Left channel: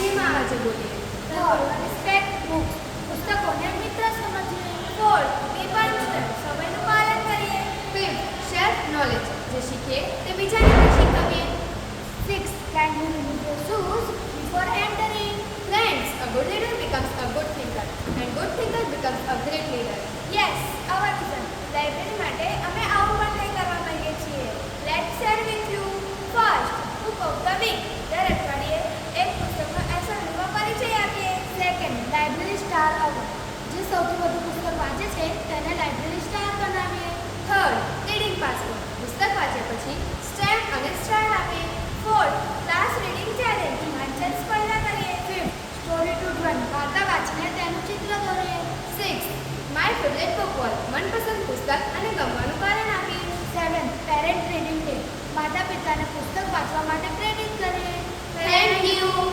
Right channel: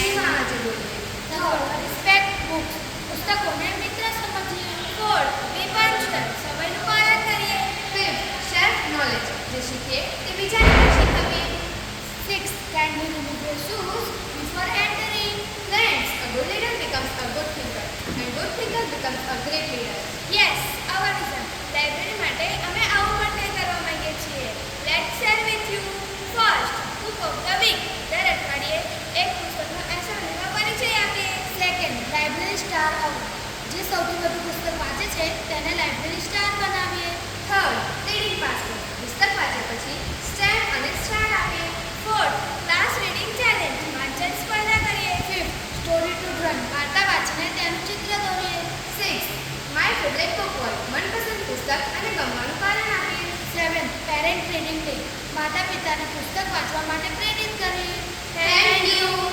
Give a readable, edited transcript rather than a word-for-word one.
હિમાં આજે બોલીએ. Third, respect books. પુસ્તકોને મિત્ર સમજીએ. Fourth, be punctual. સમયનું પાલન કરીએ. Fifth, self knowledge. જે શીખીએ તે બીજાને પણ શીખવીએ. Six, kindly remove your shoes before entering. Friends, a good leader becomes a good thinker, and good thinker becomes a great leader. Yes, our vision. Library માટે અમે આવું પણ કરવા માંગીએ છીએ. Let's share with you. First, book of the week. દર અઠવાડિયે એક પુસ્તકનો એસાઇનમેન્ટમાં પરિચય આપીએ. Second, library star award. જે સૌથી વધુ પુસ્તક વાંચે છે તેને લાઇબ્રેરી સ્ટાર બનાવીએ. Third, reading password. પુસ્તક વાંચ્યા પછી સ્ટેમ્પ અને સ્ટાર આપીએ. Fourth, class reading challenge. વાંચન સ્પર્ધા કરીએ. Fifth, story to drawing. વાર્તા વાંચીને તેનું ચિત્ર દોરીએ. Six, my favourite book world. મનપસંદ પુસ્તક અને ગમવાનું કારણ આપીએ. Seventh, parent reading day. માતા પિતાને પુસ્તક વાંચવા માટે પ્રેરિત કરીએ. Thank you.